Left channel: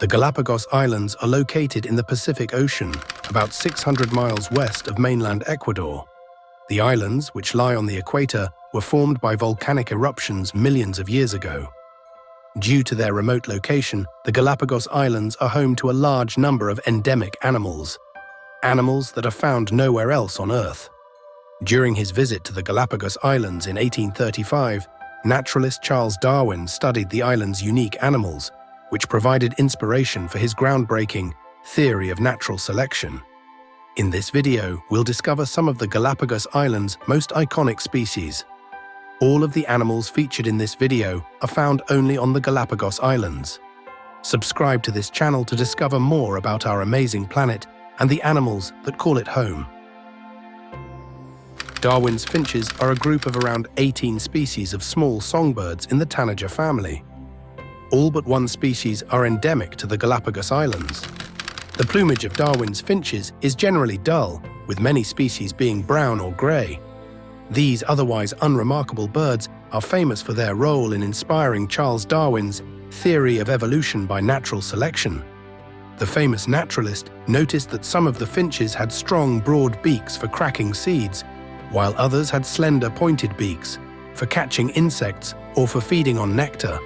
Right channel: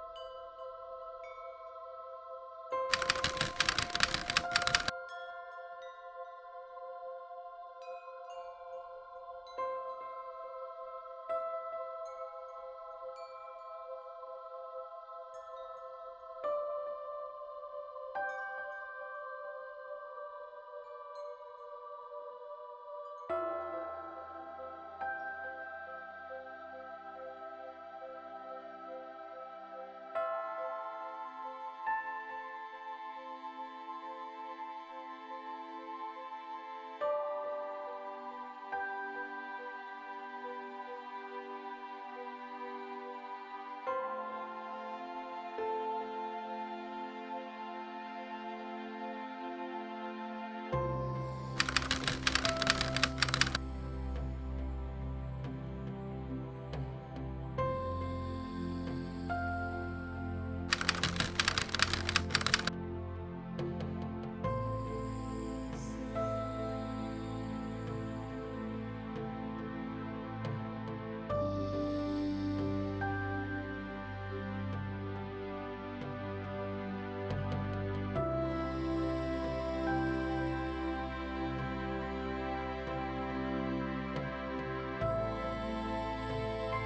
The Galapagos Islands are located in the Pacific Ocean, about 600 miles west of mainland Ecuador. The islands, which lie on the equator, were formed by volcanic eruptions millions of years ago. Due to their remote location, the Galapagos Islands are home to a large number of endemic animals that are found nowhere else on Earth. During his visit to the Galapagos Islands in 1835, naturalist Charles Darwin studied the islands' unique animals, which provided inspiration for his groundbreaking theory of natural selection. In this video, we'll discover some of the Galapagos Islands' most iconic species. All of the animals featured in this video are found only on the Galapagos Islands. Subscribe to this channel to discover more about our amazing planet and the animals that call it home. Darwin's finches are a group of around 18 species of small songbirds in the tanager family. All but one species are endemic to the Galapagos Islands. The plumage of Darwin's finches is generally dull, with many species being brown or grey. These otherwise unremarkable birds are famous for their role in inspiring Charles Darwin's theory of evolution by natural selection. The famous naturalist noticed that some of the finches had strong, broad beaks for cracking seeds, while others had slender, pointed beaks for catching insects or for feeding on nectar.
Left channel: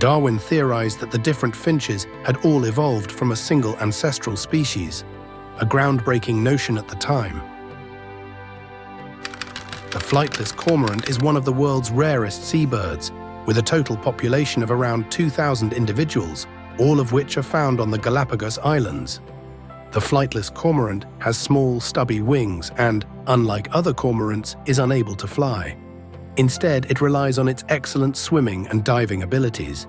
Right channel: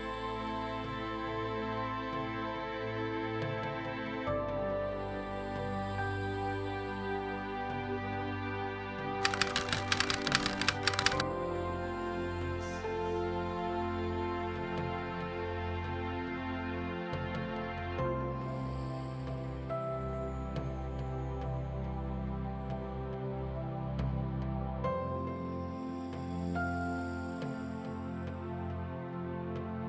Darwin theorized that the different finches had all evolved from a single ancestral species, a groundbreaking notion at the time. The flightless cormorant is one of the world's rarest seabirds, with a total population of around 2,000 individuals, all of which are found on the Galapagos Islands. The flightless cormorant has small, stubby wings and, unlike other cormorants, is unable to fly. Instead, it relies on its excellent swimming and diving abilities.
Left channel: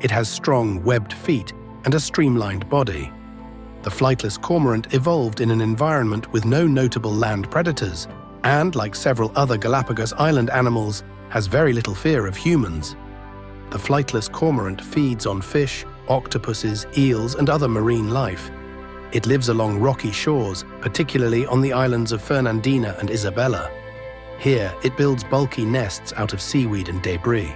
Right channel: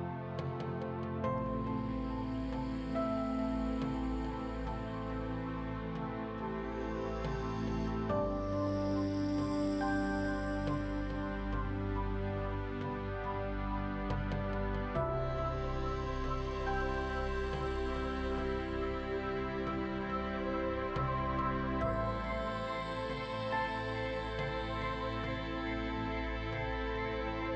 It has strong, webbed feet and a streamlined body. The flightless cormorant evolved in an environment with no notable land predators and, like several other Galapagos Island animals, has very little fear of humans. The flightless cormorant feeds on fish, octopuses, eels, and other marine life. It lives along rocky shores, particularly on the islands of Fernandina and Isabella. Here, it builds bulky nests out of seaweed and debris.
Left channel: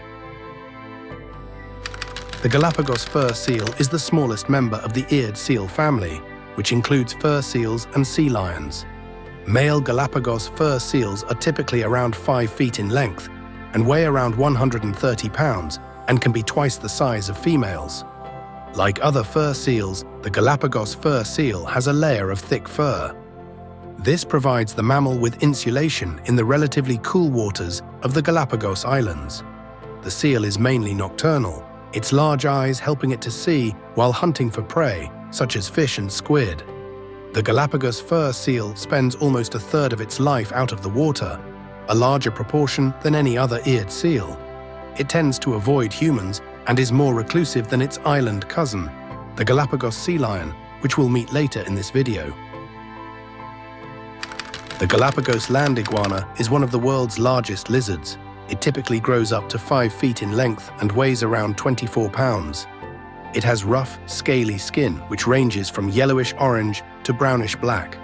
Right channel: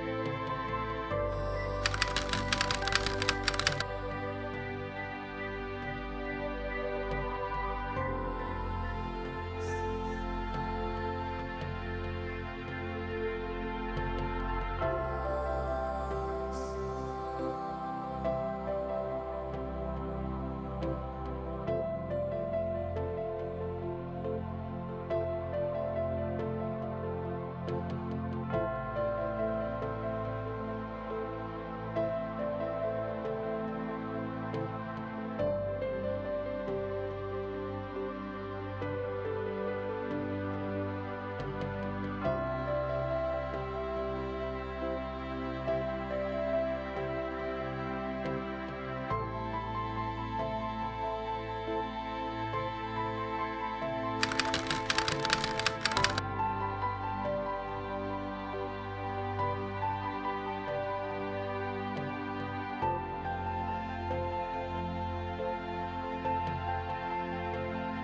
The Galapagos Fur Seal is the smallest member of the eared seal family, which includes fur seals and sea lions. Male Galapagos fur seals are typically around 5 feet in length and weigh around 130 pounds and can be twice the size of females. Like other fur seals, the Galapagos Fur Seal has a layer of thick fur. This provides the mammal with insulation in the relatively cool waters of the Galapagos Islands. The seal is mainly nocturnal, its large eyes helping it to see while hunting for prey, such as fish and squid. The Galapagos Fur Seal spends almost a third of its life out of the water, a larger proportion than any other eared seal. It tends to avoid humans and is more reclusive than its island cousin, the Galapagos Sea Lion, which we'll meet later in this video. The Galapagos land iguana is one of the world's largest lizards. It typically grows up to 5 feet in length and weighs around 24 pounds. It has rough, scaly skin, which ranges from yellowish-orange to brownish-black.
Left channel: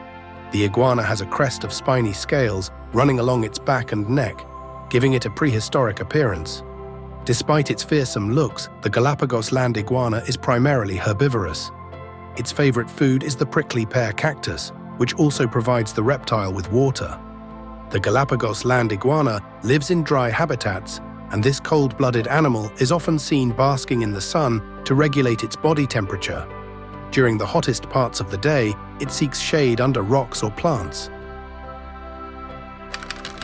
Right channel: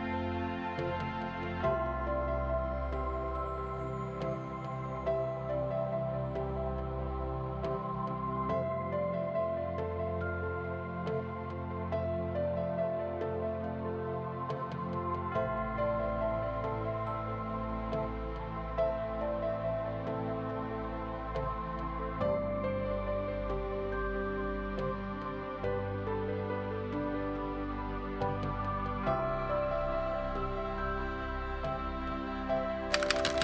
The iguana has a crest of spiny scales running along its back and neck, giving it a prehistoric appearance. Despite its fearsome looks, the Galapagos land iguana is primarily herbivorous. Its favorite food is the prickly pear cactus, which also provides the reptile with water. The Galapagos land iguana lives in dry habitats, and this cold-blooded animal is often seen basking in the sun to regulate its body temperature. During the hottest parts of the day, it seeks shade under rocks or plants.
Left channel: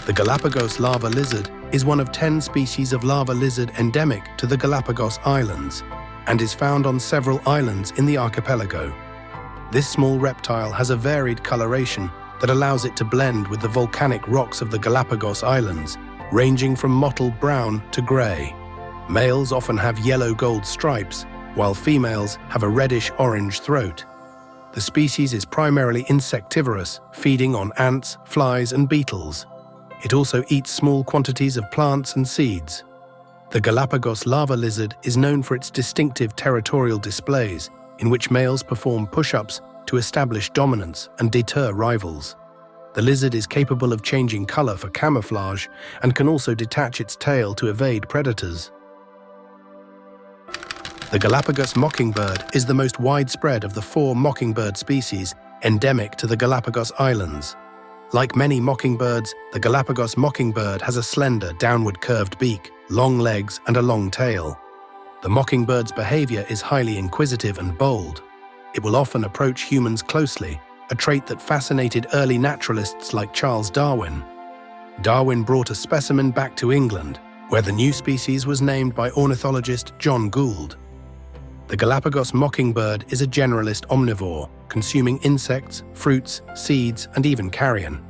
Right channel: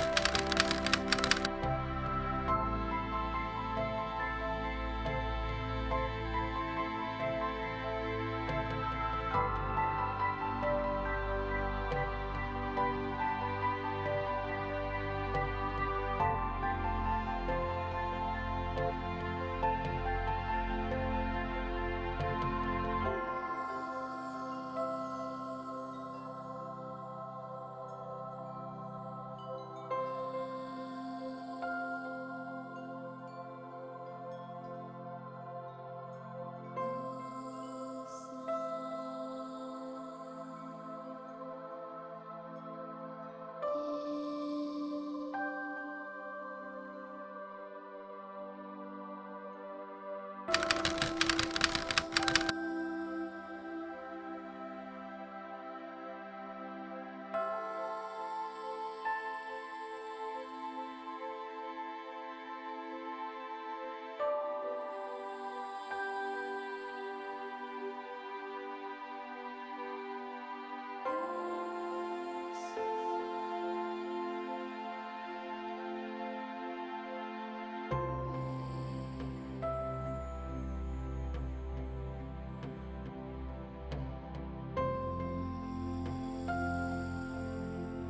The Galapagos lava lizard is one of 10 species of lava lizard endemic to the Galapagos Islands and is found on several islands in the archipelago. This small reptile has a varied coloration that allows it to blend with the volcanic rocks of the Galapagos Islands, ranging from mottled brown to grey. Males often have yellow-gold stripes, while females have a reddish-orange throat. The species is primarily insectivorous, feeding on ants, flies, and beetles. It also eats small quantities of plants and seeds. The Galapagos lava lizard is known for its distinctive territorial displays, in which males perform push-ups to establish dominance and deter rivals. The lizard is capable of changing color for camouflage and can also detach its tail to evade predators. The Galapagos Mockingbird is the most widespread of the 4 mockingbird species endemic to the Galapagos Islands. Like many mockingbirds, the Galapagos Mockingbird has a slender, downward curved beak, long legs, and a long tail. The mockingbird's behavior is highly inquisitive and bold. It will often approach humans closely, a trait that fascinated early naturalists like Charles Darwin. Darwin brought a specimen back to England, where the new species was named by ornithologist John Gould. The Galapagos mockingbird is a generalist omnivore, consuming insects, fruits, seeds, and even carrion.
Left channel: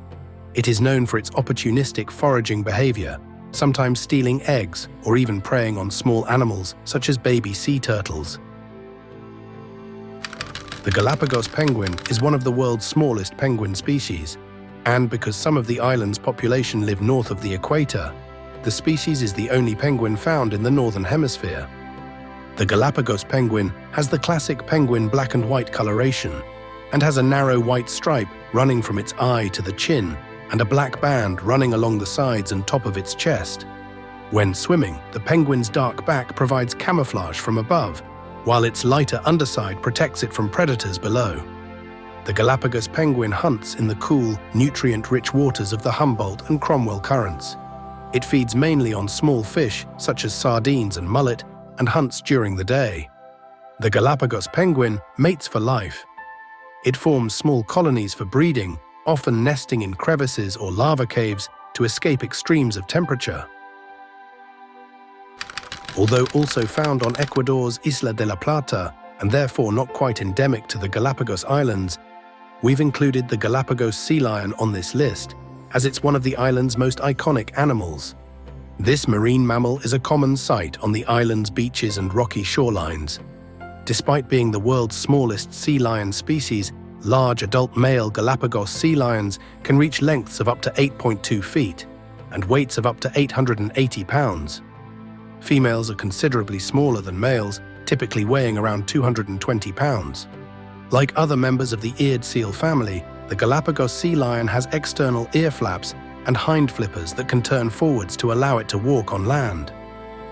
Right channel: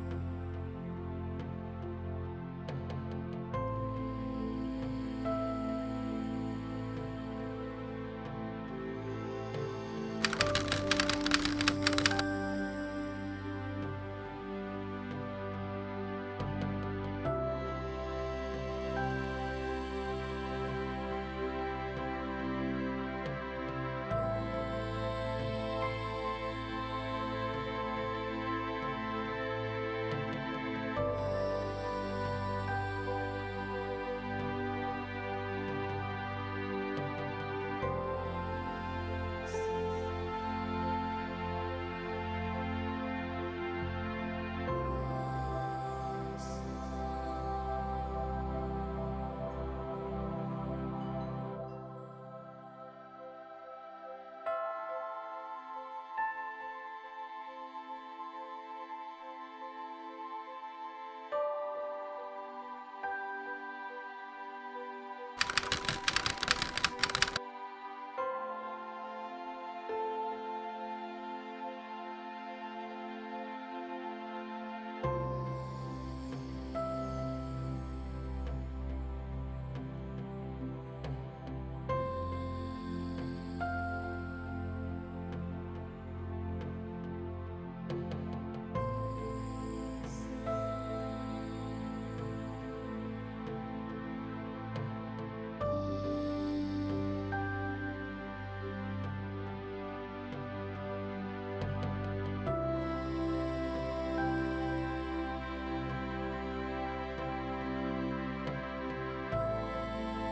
It is known for its opportunistic foraging behavior, sometimes stealing eggs or even preying on small animals such as baby sea turtles. The Galapagos penguin is one of the world's smallest penguin species, and because some of the island's population live north of the equator, the species is the only penguin found in the northern hemisphere. The Galapagos penguin has the classic penguin black and white coloration and has a narrow white stripe running from its eye to the chin and a black band running along the sides and top of its chest. When swimming, the penguin's dark back provides camouflage from above, while its lighter underside protects it from predators below. The Galapagos penguin hunts in the cool, nutrient-rich waters of the Humboldt and Cromwell currents. It feeds mainly on small fish such as sardines and mullet, and hunts during the day. The Galapagos penguin mates for life. It forms small colonies for breeding, often nesting in crevices or lava caves to escape extremes of temperature. Although also found on Ecuador's Isla de la Plata, and therefore not quite endemic to the Galapagos Islands, we've included the Galapagos Sea Lion on this list, as it's one of the island's most iconic animals. This marine mammal is a common sight on the island's beaches and rocky shorelines. Despite being the world's smallest sea lion species, large adult male Galapagos sea lions can reach lengths of up to 8.2 feet and weights of up to 880 pounds. Females are considerably smaller than males, typically weighing around 220 pounds. Like other members of the eared seal family, the Galapagos sea lion has external ear flaps and hind flippers that can turn forwards to allow it to walk on land.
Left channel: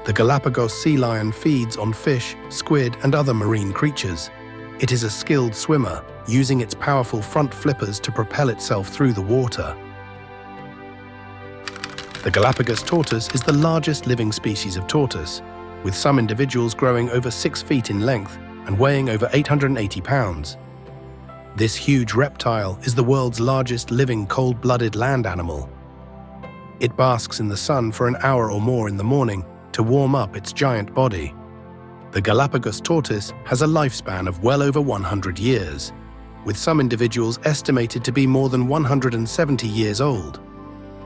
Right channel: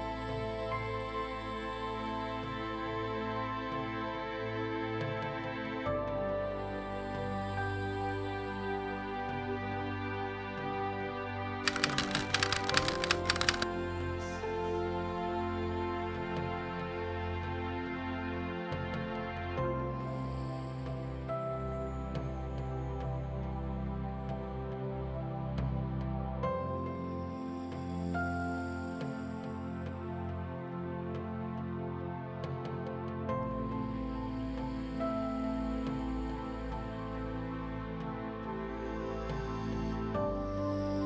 The Galapagos sea lion feeds on fish, squid, and other marine creatures. It is a skilled swimmer, using its powerful front flippers to propel itself through the water. The Galapagos tortoise is the largest living species of tortoise, with some individuals growing over 6 feet in length and weighing over 880 pounds. This huge reptile is the world's largest living cold-blooded land animal. It basks in the sun for an hour or more in the morning to warm up its giant body. The Galapagos tortoise has a lifespan of well over 100 years, with some individuals estimated to be more than 170 years old.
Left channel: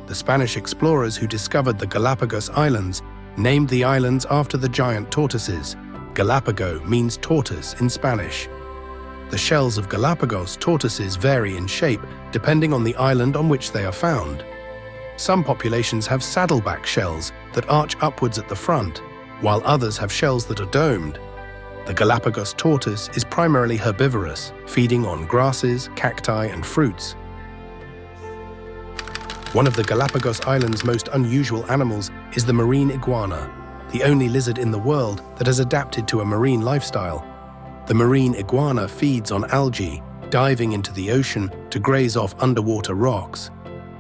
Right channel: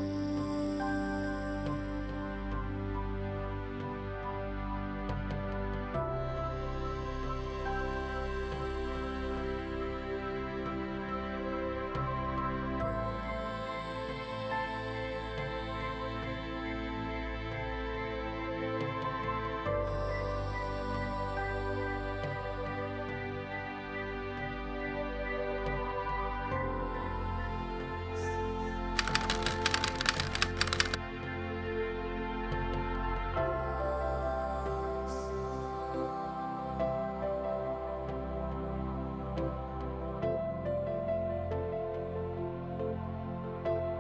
The Spanish explorers who discovered the Galapagos Islands named the islands after the giant tortoises. Galapago means tortoise in Spanish. The shells of Galapagos tortoises vary in shape depending on the island on which they are found. Some populations have saddleback shells that arch upwards at the front, while others have shells that are domed. The Galapagos tortoise is primarily herbivorous, feeding on grasses, cacti, and fruits. One of the Galapagos Islands' most unusual animals is the marine iguana, the only lizard in the world that has adapted to a marine lifestyle. The marine iguana feeds on algae, diving into the ocean to graze off underwater rocks.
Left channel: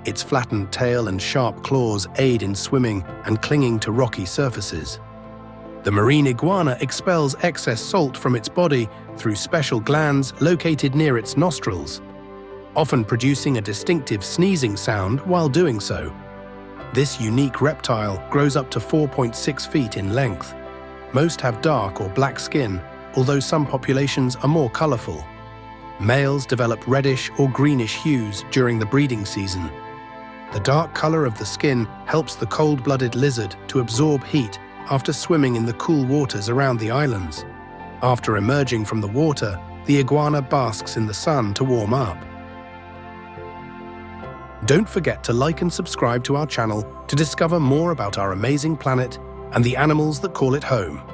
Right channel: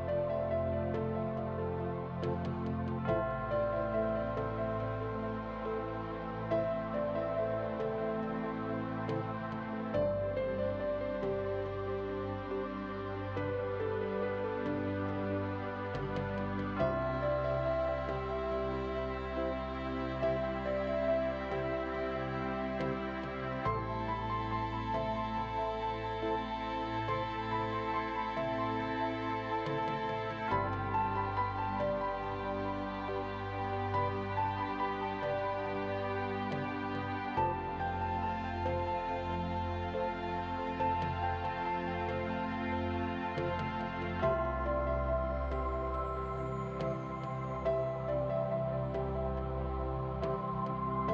Its flattened tail and sharp claws aid in swimming and clinging to rocky surfaces. The marine iguana expels excess salt from its body through special glands located near its nostrils, often producing a distinctive sneezing sound while doing so. This unique reptile grows up to 4.6 feet in length. Most have dark or black skin, although some populations are more colorful. Males develop reddish or greenish hues during the breeding season. The dark color of the skin helps the cold-blooded lizard to absorb heat after swimming in the cool waters around the islands. After emerging from the water, the iguana basks in the sun to warm up. Don't forget to like and subscribe to our channel to discover more about our amazing planet and the animals that call it home.